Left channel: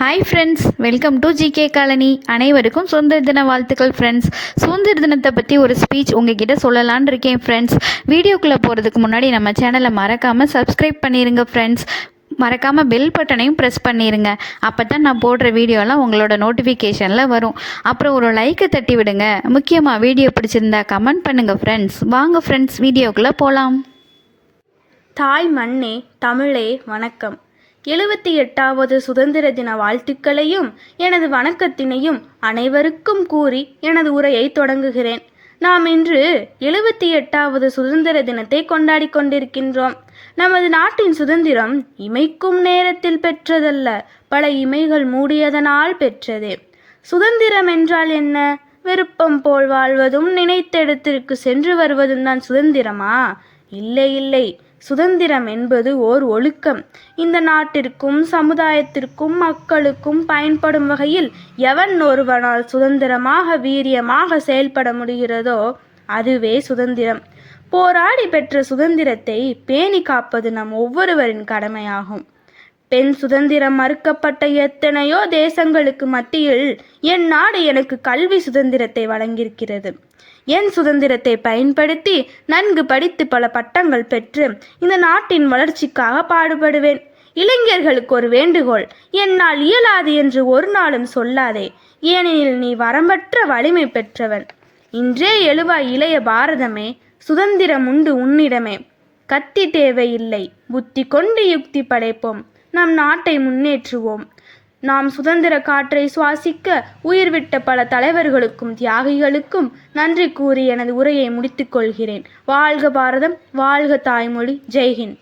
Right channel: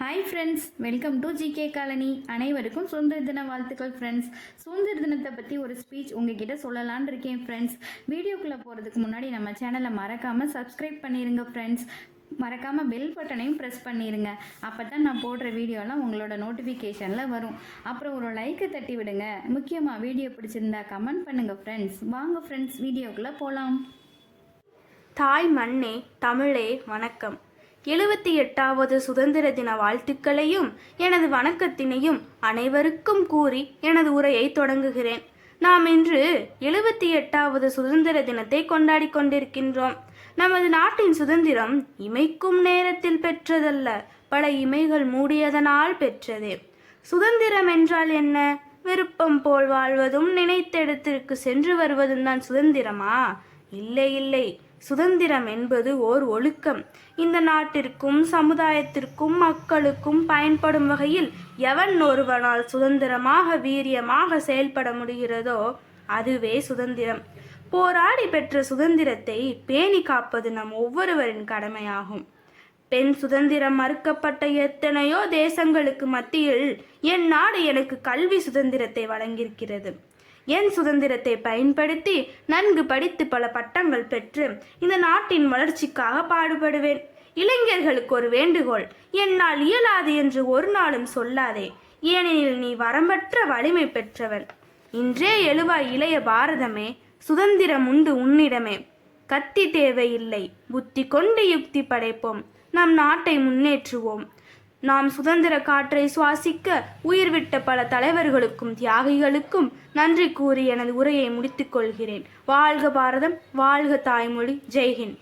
Hi friends, welcome to GK colony. அனைவருக்கும் சுதந்திர தின வாழ்த்துக்கள் ஃப்ரெண்ட்ஸ். சுதந்திர தினத்தை பற்றி ஒரு ஸ்பீச் உங்ககிட்ட சொல்லலான் இருக்கேன் ஃப்ரெண்ட்ஸ். வீடியோக்குள்ளே போகிறதுக்கு முன்னாடி நம்ம சேனலை மறக்காமல் சப்ஸ்கிரைப் பண்ணிடுங்க ஃப்ரெண்ட்ஸ். மறக்காமல் பெல் பட்டனையும் ப்ரெஸ் பண்ணிடுங்க. அப்போ தான் நான் போடுற வீடியோலாம் உங்களோட நோட்டிஃபிகேஷனில் வரும். அப்புறம் ஒரு லைக்கை தட்டி விடுங்க. முக்கியமாக வீடியோ பிடிச்சிருந்தா கமெண்ட் பண்ணுங்கள் ஃப்ரெண்ட்ஸ். வாங்க ஃப்ரெண்ட்ஸ், வீடியோக்குள்ளே போகலாம். தாய் மண்ணே, தமிழே வணக்கம். 78வது சுதந்திர தின வாழ்த்துக்களையும் எனது வணக்கத்தினையும் அனைவருக்கும் கூறி எனது உரையை தொடங்குகிறேன். நாம் இன்று 78வது சுதந்திர தினத்தை கொண்டாடி கொண்டிருக்கின்றோம். நமது நாட்டின் சுதந்திரம் இமைக்கும் நேரத்தில் பெற்றதல்ல, பல இமைகள் மூடியதனால் பெற்றதே. சுதந்திரம் என்றால் என்ன? விருப்பம் போல் வாழ்வதும் நினைத்த இடத்திற்கு சென்று வருவதும் தான் சுதந்திரமா? இல்லை இல்லை. சுதந்திரம் என்பது ஓர் ஒழுக்கம். இந்த நாட்டிற்கும் சமுதாயத்திற்கும் மக்களுக்கும் பயன்படும் வகையில் எவன் ஒருவனால் சுதந்திரமாக வீரியமாக செயல்பட முடிகிறதோ அதுவே சுதந்திரம். போராடி பெற்ற சுதந்திரத்தை பேணி காப்பது நம் ஒவ்வொருவரின் கடமையாகும். பெண் சுதந்திரம் மறுக்கப்பட்ட எத்தனையோ தேசங்களுக்கு மத்தியில் என் நாடு எனக்கு கல்வி சுதந்திரத்தை வழங்கியிருக்கிறது. என் சுதந்திரத்தை பயன்படுத்தி நன்கு படித்து பல பட்டங்கள் பெற்று இந்த நாட்டின் வளர்ச்சிக்காக பாடுபடுவேன். இளைஞர்களுக்கு ஒரு வேண்டுகோள்: என்னால் இயலாது என்று ஒரு நாளும் சொல்லாதே, ஏனெனில் நீ வரம்பற்ற வலிமை பெற்றவன். இன்றே எழுவாய் இளைய பாரதமே, சுதந்திரம் உண்டு உன்னிடமே. கத்தி தேவையில்லை, புத்தி கொண்டு யுக்தி படைப்போம், நம் நாட்டை முன்னேற்றுவோம். நாம் சுதந்திர காற்றை சுவாசிக்க உயிர்விட்ட பல தலைவர்களுக்கும் தியாகிகளுக்கும் நன்றி கூறி எனது உரையை முடித்துக் கொள்கிறேன். வாழ்க பாரதம், வாழ்க தாய்மொழி. ஜெய்ஹிந்த்.